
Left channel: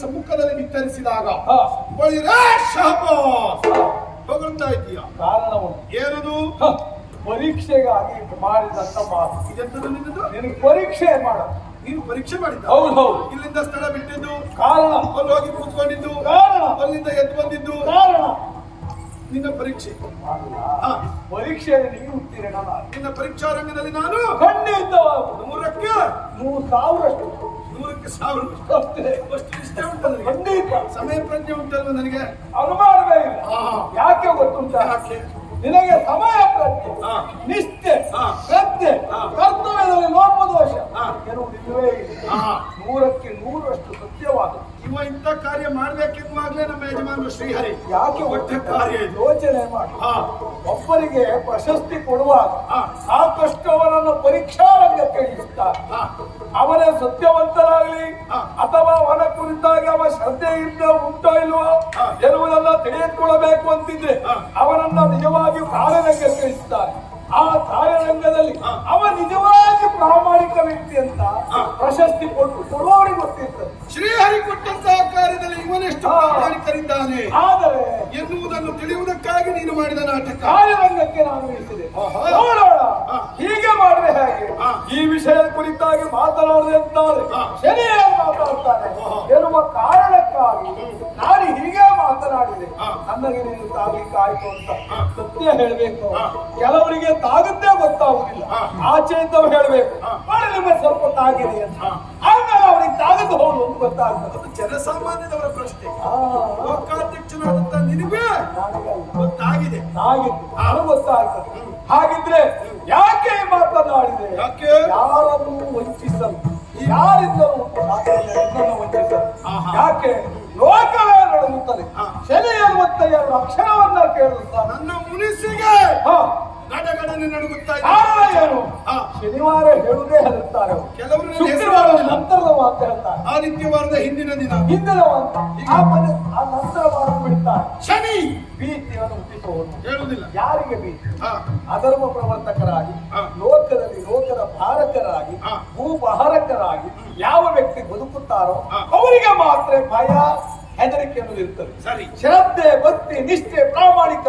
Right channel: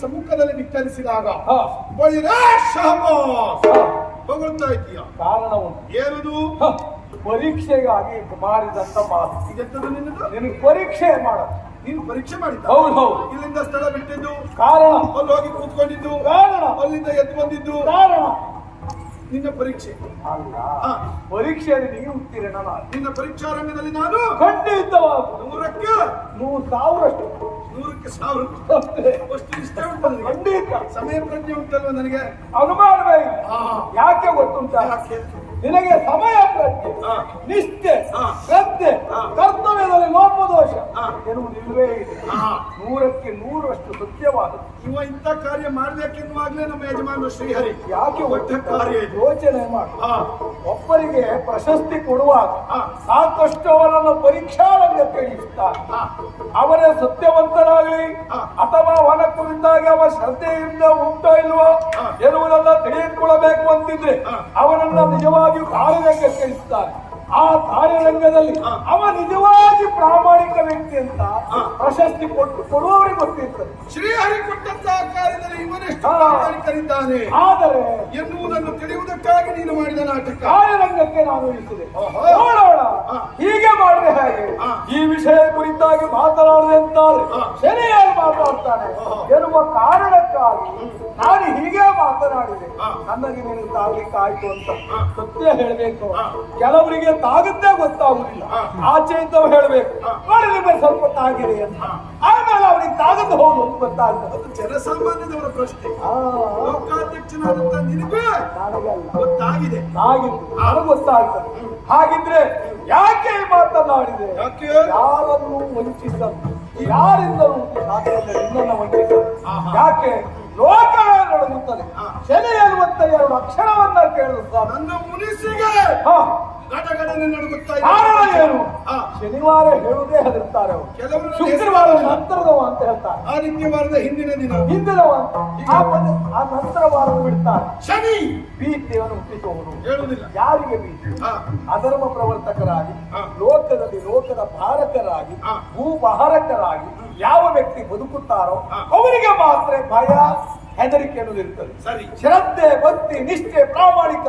ಸಮ್ಮುಖದಲ್ಲಿ ವಿಚ್ಚರಿಸಿದಾಗ. ಹೊಗಳ್ತಾ ಇದೀಯ ಕಾರಣ ಉಂಟು ಏನದು ಪರೀಕ್ಷೆಗಾಗಿ ಮಾಡಿದಂತ ಮಾತು ಇದೆಂತದ್ದು ನಿನ್ನದು? ನಿನಗೆ ಪರೀಕ್ಷೆ ಮಾಡ. ನೀನು ಪರೀಕ್ಷೆ ಮಾಡಿದ್ದ? ಹೌದು ಹೌದು. ಇಲ್ಲಿಂದ ಸ್ಥಳ ಬಿಟ್ಟಿದ್ದು? ಕಾರಣ. ಅಲ್ಲಿ ಹೋಗಿ ಕೂತ್ಕೊಂಡಿದ್ದು? ಕಾರಣ. ಅಲ್ಲಿಂದ ಎದ್ದು ಬಂದಿದ್ದು? ಕಾರಣ. ನಿನ್ನ ಪರೀಕ್ಷೆ. ಪರೀಕ್ಷೆಯಲ್ಲಿ ನೀವು ಉತ್ತೀರ್ಣ ನಿನ್ನ. ಪರೀಕ್ಷಾ ರಂಗದಲ್ಲಿ ನಾನು ಖಂಡಿತವಾಗ ನೂರಕ್ಕೆ ನೂರು ಸಾವಿರಷ್ಟು. ನೂರಕ್ಕೆ ಸಾವಿರ ಅಷ್ಟೇ. ಇಷ್ಟ ಉಂಟು ನನಗೆ ಖಂಡಿತ ಸಮಯ ಪ್ರಜ್ಞೆ ಉಂಟಲ್ವ ನನಗೆ ಅನುಮಾನವೇ. ಯಾಕೆ ಗೊತ್ತುಂಟ? ನಿನಗೆ ಸಮಯ ಪ್ರಜ್ಞೆ. ನಿಷ್ಠೆ. ಶ್ರದ್ಧೆ. ಕರ್ತವ್ಯದಲ್ಲಿ ಲೋಪದೋಷ ಇಲ್ಲ. ನೂರಕ್ಕೆ ನೂರಷ್ಟು ಸತ್ಯವಾದದ್ದು ಇವ ಇಂಥ ಕಾರ್ಯ ಮಾಡ್ಬೇಕಿನ್ವಾಗ್ಲೇ ನಮ್ಮ ಯಜಮಾನರು ಶ್ರೀಹರಿ ಯಾಕೆ ಒಟ್ಟ ಕಾರ್ಯ ಯೋಚನೆ ಮಾಡಿ ಒಬ್ಬರಿಗೆ ಪ್ರಶಸ್ತಿ ಕೊಡುವಾಗ. ಸಾಕಷ್ಟು ಅವರನ್ನು ಪರೀಕ್ಷಾ ರಂಗಕ್ಕೆ ಅವರೇ ಹಾ ಅವನೇ ಸತ್ಯವಂತರಾಗಲಿ. ಅಥವಾ ಅವನ ಕುರಿತಾಗಿ ಅವ ಶ್ರದ್ಧೆಯಿಂದ ಉಂಟೋ ಇಲ್ವೋ. ಎನ್ನುವುದನ್ನ ತಿಳಿದುಕೊಳ್ಳಬೇಕು ಅಂತಿದ್ರೆ. ಅವನನ್ನ ನಿಜವಾಗಿಯೂ ಕಾರ್ಯರಂಗಕ್ಕೆ ಇಳಿಸ್ತಾರೆ ಆ ಕಾರ್ಯರಂಗದಲ್ಲಿ ಅವ ನಿಜವಾಗಿ ಪ್ರಾಮಾಣಿಕ ವ್ಯಕ್ತಿ ಅಂತ. ಪ್ರಶಸ್ತಿ ಕೊಟ್ಟು ಕೊಡುವವರಿಗೆ ಗೊತ್ತಿರ್ತದೆ. ಶ್ರೀಹರಿ ಕೊಟ್ಟಂತಹ ಕಾರ್ಯದಲ್ಲಿ ಇವನೆಷ್ಟು. ಪ್ರಾಮಾಣಿಕರಿದ್ದಾನೆ? ಆದರೆ ಎನ್ನುವುದನ್ನು ತಿಳಿಯುವುದಕ್ಕಾಗಿ ನೀನು ಮಾಡಿದ ನಾಟಕ. ಕಾರ್ಯರಂಗಕ್ಕೆ ನಾನು ಇಳಿಸಿದೆ. ನೋಡೋಣ. ಹೀಗೆ ಮಾಡಿದ್ರೆ ಹೇಗೆ? ಈ ವಿಷಯ ಕುರಿತಾಗಿ ಮಾತನಾಡದೆ ಅಂತಾರೆ. ಶನಿಯಾಗಿ ಮಾತನಾಡ್ತಾರೆ ಎನ್ನುವ ಕಾರಣಕ್ಕಾಗಿ ನಾನು ಹೀಗೆ ಮಾತನಾಡಿದೆ. ನನಗೆ ನಿನಗೆ ತಾಗ್ಲಿಕ್ಕೆ ಆಯ್ತು ಅಂತ ಸತ್ಯ ಹೇಳಬೇಕು. ಕೆಲವರಿಗೆ ತಾಗದ್ದೇ ಗೊತ್ತಾಗುದಿಲ್ಲ. ಆಚೆ ಇದ್ದವ್ ಹೇಳ್ಬೇಕು. ನೋಡಿ ನಿಮಗೆ ಸ್ವಲ್ಪ ತಾಗಿರಿ ಅಂತ. ಆಮೇಲೆ ಅವರಿಗೆ ತಾಗದ್ದು ಹೋಗುದು ಅಂತ ಗೊತ್ತಾಗ್ತದೆ. ಅದು ಜನಸಾಮಾನ್ಯದವರ ಪ್ರಶ್ನೆ. ಆ, ಲೋಕಾಧ್ಯಕ್ಷನಾದಂತ ನಿನಗೆ. ಗೊತ್ತಾಗಿದೆ. ಆಗಿತ್ತು ನಾನು ಗೊತ್ತಾಗ್ತದೆ. ಹಾಗಿದ್ರೆ ಯಾಕೆ ಈ ಮಾತನಾಡಿದೆ? ಯಾಕೆ? ಯಾರನ್ನು ವಂಚಿಸಲು ಯಾರಿಂದಲೂ ನಿನ್ನನ್ನು ವಂಚಿಸಲು. ಯಾಕೆ? ಲೋಕವೇ ನಡುಗುತ್ತದೆ. ಶನಿ ಅನ್ನುವಂತ ಎರಡು ಅಕ್ಷರವನ್ನ ಕೇಳುತ್ತಾ. ನನ್ನ ಮುನಿಸಿಗೆ ಗಡಗಡನೆ ನಡುಗುತ್ತಾ ಶನಿವಾರ ಹೇಳುದೇ ಹೆದರ್ತಾರೆ ಕೆಲವರು ಶುಕ್ರವಾರ ನಂತರದ ಅಂತ ಹೇಳ್ತಾರೆ. ಆದಿತ್ಯವಾರದ ಹಿಂದಿನ ದಿನ. ಹಿಂದಿನ ಆ ನಂತರ ವಾರ ಬಿಡ್ತಾರೆ. ಶನಿ! ಭೀತಿಯನ್ನು ಹುಟ್ಟಿಸುವವರು ಹೇಳುವುದಿಲ್ಲ. ಯಾರಿಗೆ ಭೀತಿ. ಅಧರ್ಮ ಪ್ರವರ್ತಕರಾಗಿ ಲೋಕದಲ್ಲಿ ಲೋಕದ ಭಾರಕರಾಗಿ ಭೂಪಹಾರಕರಾಗಿ ಯಾವ ವ್ಯಕ್ತಿ ಬದುಕುತ್ತಾರೋ ಅವರಿಗೆ ಮಾತ್ರ ಭಯ ಹೆದರಿಕೆ ಅನ್ನೋದು ಇರ್ತದೆ. ಸರಿ. ಶ್ರದ್ಧೆ ಭಕ್ತಿ ನಿಷ್ಠೆ ಪ್ರಾಮಾಣಿಕ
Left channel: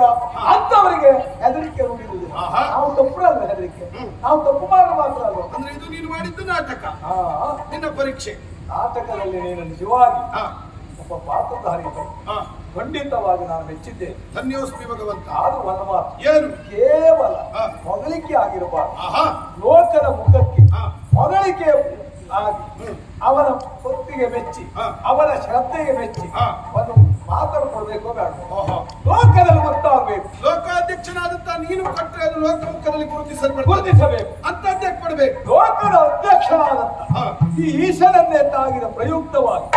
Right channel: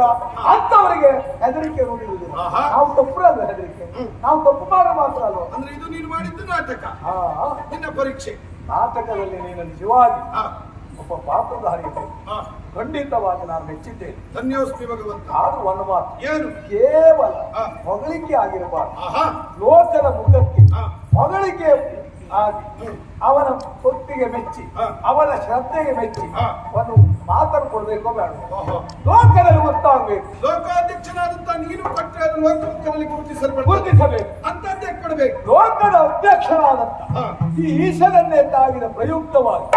ಅಂತವರಿಗೆ ಹೆದರಿಕೆ ಉಳಿದಿದೆ. ನಾವು ತಪ್ಪು ಹೆದರಿಕೆ? ಹ್ಮ್. ನಾವು ತಪ್ಪು ಮಾಡಿ ಮಾತ್ರ ಅಲ್ಲ ಅಂದ್ರೆ ಇದು ನೀನು ಮಾಡಿದ್ದು ನಾಟಕ. ನಿನ್ನ ಪರೀಕ್ಷೆ. ನಾಟಕದಲ್ಲಿ ನೀನು ನಿಜವಾಗಿ ಹಾ. ಒಬ್ಬ ಪಾತ್ರಧಾರಿ ಹಾ. ಖಂಡಿತವಾಗಿ ನಾನು ಮೆಚ್ಚಿದ್ದೇನೆ ಧನ್ಯೋಸ್ಮಿ ಭಗವಂತ. ಅದು ಒಂದು ಮಾತು. ಏನು? ಕೇವಲ. ಹೊಗಳಿಕೆ ಆಗಿರಬಾರ್ದು. ಆಹಾ. ಲೋಕದ ಮುಖಕ್ಕೆ. ಹೊಗಳಿಕೆ ಆಗಿ. ಅವನ ಭಕ್ತಿಗೆ ಮೆಚ್ಚಿ ಅವರ ಶ್ರದ್ಧೆಗೆ ಮೆಚ್ಚಿ ಹಾ. ಮಾತನ್ನು ಕೊಡಬೇಕು ಬೇಡ. ಲೋಕದಲ್ಲಿ ಗೊತ್ತಾಗಬೇಕು. ಲೋಕಾಧ್ಯಕ್ಷನಾದಂತ ನೀನು ಕೊಟ್ಟರೆ ಅದು ಲೋಕಮುಖದಲ್ಲಿ ಗುರುತಿಸಲ್ಪಡ ಗುರುತಿಸಬೇಕು. ಅಂತದ್ದೇ ಕೊಡಬೇಕು. ಲೋಕದ ಅಧ್ಯಕ್ಷನಾದಂತ. ಈ ಈಶನನ್ನೇ ತಾಗಿದ ಪ್ರಯುಕ್ತವಾಗಿ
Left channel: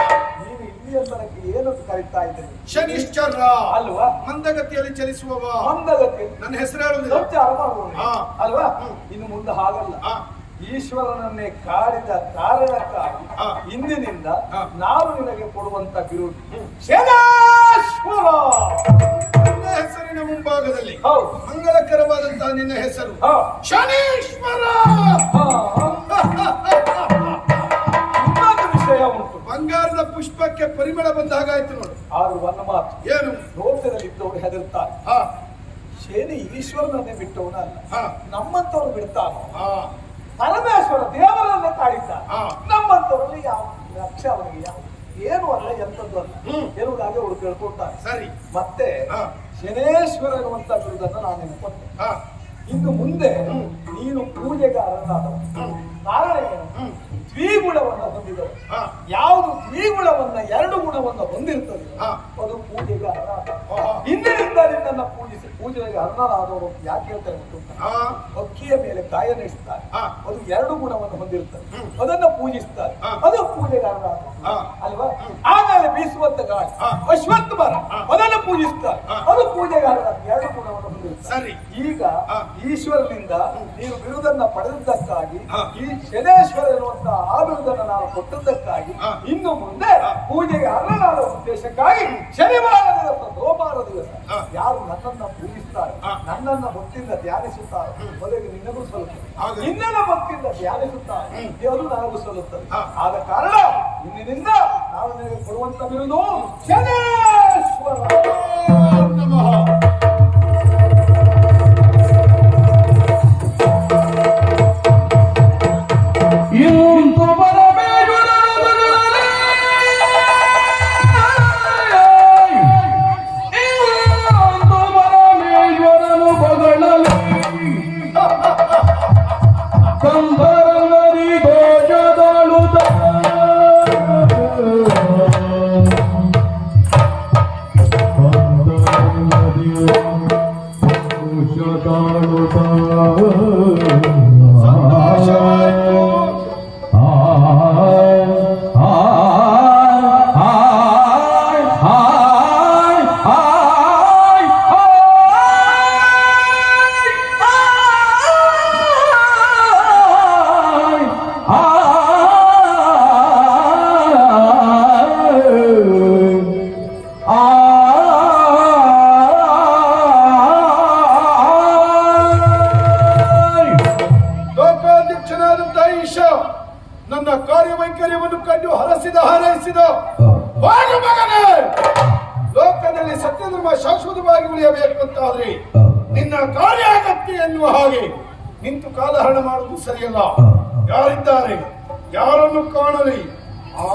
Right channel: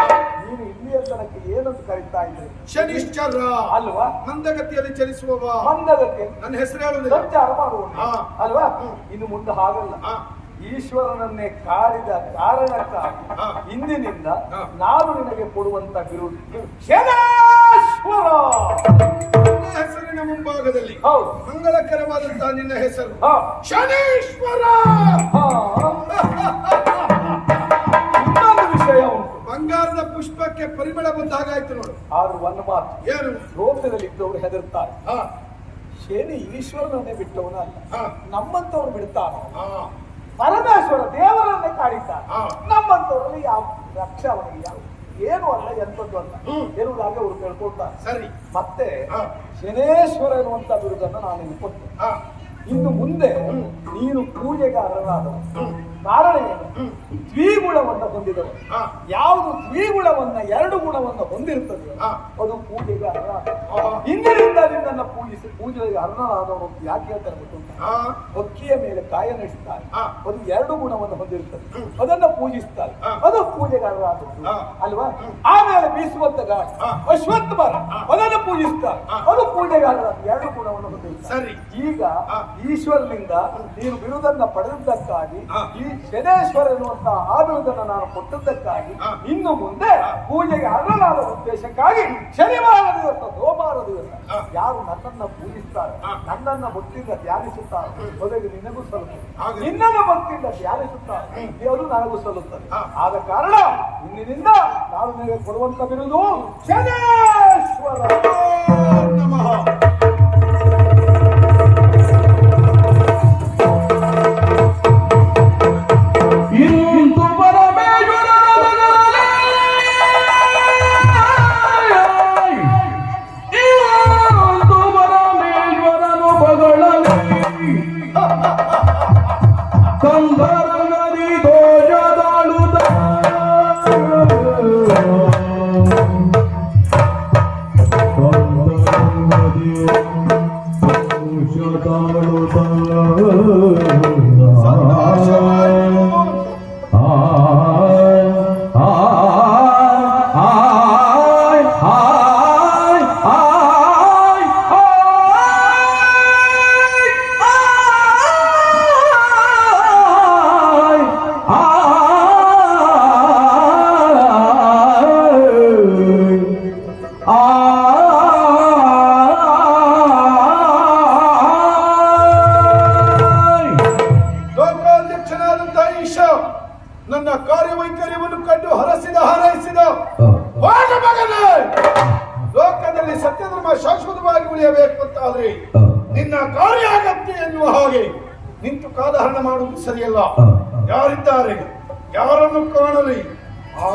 ನೀನು ಇಲ್ಲಿಯ ತನಕ ಏನಂತ ಕರೀತಾ ಇದ್ದೀರಿ ಶನಿಶ್ಚರ. ಅಲ್ವಾ? ಮಂದಗತಿಯಲ್ಲಿ ಚಲಿಸುವವ. ಮಂದಗತಿ ನನ್ನ ಹೆಸರು ಹೇಳುವುದಿಲ್ಲ ಸಂಚಾರ ಅಲ್ವಾ. ಇನ್ನು ಮುಂದೆ ಹಾಗಲ್ಲ. ಈಶ್ವರನನ್ನೇ ಕಾಡಿದ ಕಾರಣಕ್ಕಾಗಿ. ಇಂದಿನಿಂದ. ನಾನು ನಿನಗೆ ಕೊಡುವಂತ ಬಿರುದು ಶನೇಶ್ವರ! ಹೆಸರಿನ ಮುಂಭಾಗದಲ್ಲಿ ಹೌದು ಮಂಗಳಕರವಾದಂತಹ ನಿನ್ನ ಹೆಸರು. ಶನೀಶ್ವರ! ವಿಷಯ ಉಂಟು. ಬಂಗಾರದ ಪುಷ್ಪಕ್ಕೆ ಪರಿಮಳ ಬಂದ ಹಾಗಾಯ್ತು ನೋಡು. ಆದ್ರೂ ಒಂದು ಮಾತು. ಏನು? ಲೋಕದಲ್ಲಿ ಇದ್ದವರು ಹೆದರ್ತಾರೆ ಹಾ. ಶನಿ ಈಶ್ವರನನ್ನೇ ಬಿಟ್ಟವನ ಅಲ್ಲ ಹಾ. ನಮ್ಮಂತವ್ರು ಬಿಡ್ತಾನೆ ಹಾ. ಪರಮೇಶ್ವರ ದೇವರನ್ನೇ ಕಾಡಿದ್ದಾನೆ ಹಾ. ನಮ್ಮಂತವರಲ್ಲಿ ಯಾವ ಲಕ್ಷ ಅವನಿಗೆ ಯಾವ ಏನು ಅಲ್ಲ ಎಂತದ್ದು ಅಲ್ಲ. ಇರುವುದಾಗಿ ಅವರು ತಿಳ್ಕೊಳ್ತಾರೆ. ಸರಿ. ಮತ್ತೆ. ಶನೇಶ್ವರ ಎನ್ನುವಂತ ಬಿರುದನ್ನು ನಾನು ನಿನಗೆ ಕೊಟ್ಟೆ ಹಾ ಇನ್ನು ಮುಂದೆ ನೀನು ಪೂಜೆಗೆ ಅರ್ಹನಾದ ಕಾರಣ ಏನು. ದ್ವಿಗುಣವನ್ನ ಹೊಂದಿದರು ಹಾ ಯಾವುದು ದ್ವಿಗುಣವನ್ನ ಎರಡು ಗುಣವನ್ನ ಹೊಂದಿರುತ್ತದೆ. ಅದು ಪೂಜೆಗೆ ಅರ್ಹ. ಇಂದಿನಿಂದ ನಿನ್ನ ಪೂಜಿಸಿ ಪೂಜೆಗೆ ಅರ್ಹನಾದವರು ಯಾಕೆ ಹೇಳ್ತಾರೆ ಗೊತ್ತು ಅಕ್ಕಿಯ ಮೇಲೆ ಕಾಯ ನಡೆಸ್ತಾರೆ ಹಾ. ಅದು ಎರಡು ಗುಣವನ್ನು ಹೊಂದಿರುತ್ತದೆ. ಅದನ್ನ ಪೂಜಿಸ್ತಾರೆ. ಅದು ಪೂಜೆಗೆ ಅರ್ಹ. ಅಲ್ವಾ ಆಮೇಲೆ ಬೀಸುವಂತ ಗಾಳಿ. ಅಶ್ವತ್ಥ ಮರ ಅದನ್ನು ಪೂಜಿಸ್ತಾರೆ. ಅದು ಪೂಜೆಗೆ ಅರ್ಹ ಎರಡು ಗುಣವನ್ನು ಹೊಂದಿರುತ್ತದೆ ಸರಿ ಈಗ. ಈಶ್ವರನಿಂದ ನೀನು ಬಿರುದನ್ನ ಪಡೆದಿದ್ದಕ್ಕಾಗಿ. ಈ ಶನೇಶ್ವರ ಎನ್ನುವಂತ ಆ ನಾನು ಕೊಟ್ಟದ್ದಕ್ಕಾಗಿ. ಇನ್ನು ಮುಂದೆ. ಪೂಜೆಗೆ ಅರ್ಹನಾದ ಉದ್ದೇಶಕ್ಕಾಗಿ ಶನಿವಾರ ದಿವಸ ಸೋಮವಾರ ದಿವಸ ಯಾರು ನನ್ನನ್ನ ಪೂಜಿಸ್ತಾರೆ ನನ್ನನ್ನು ಭಕ್ತಿಯಿಂದ ಧ್ಯಾನಿಸುತ್ತಾರೆ ಮೊದಲಿಗೆ ನಿನಗೂ ಸಲ್ಲುತ್ತದೆ. ನಿನ್ನನ್ನು ಭಕ್ತಿಯಿಂದ ಧ್ಯಾನಿಸುತ್ತಾರೆ. ಅದು ನನಗೂ ಸಲ್ಲುತ್ತದೆ. ಆದ ಕಾರಣ ಇಂದಿನಿಂದ ನಾನು ನಿನಗೆ ಕೊಡುವಂತ ಬಿರುದು ಶನೇಶ್ವರ ನಮಃ ಅಗತ್ಯ ಎನ್ನುವ ಹಾಗೆ ನಿಂತು ಕಾಲಹರಣ ಮಾಡುವುದು ಸರಿಯಲ್ಲ. ಯಾರಿದ್ದಾರೆ? ಯಾರನ್ನು ಕಾಣಲಿ? ಆ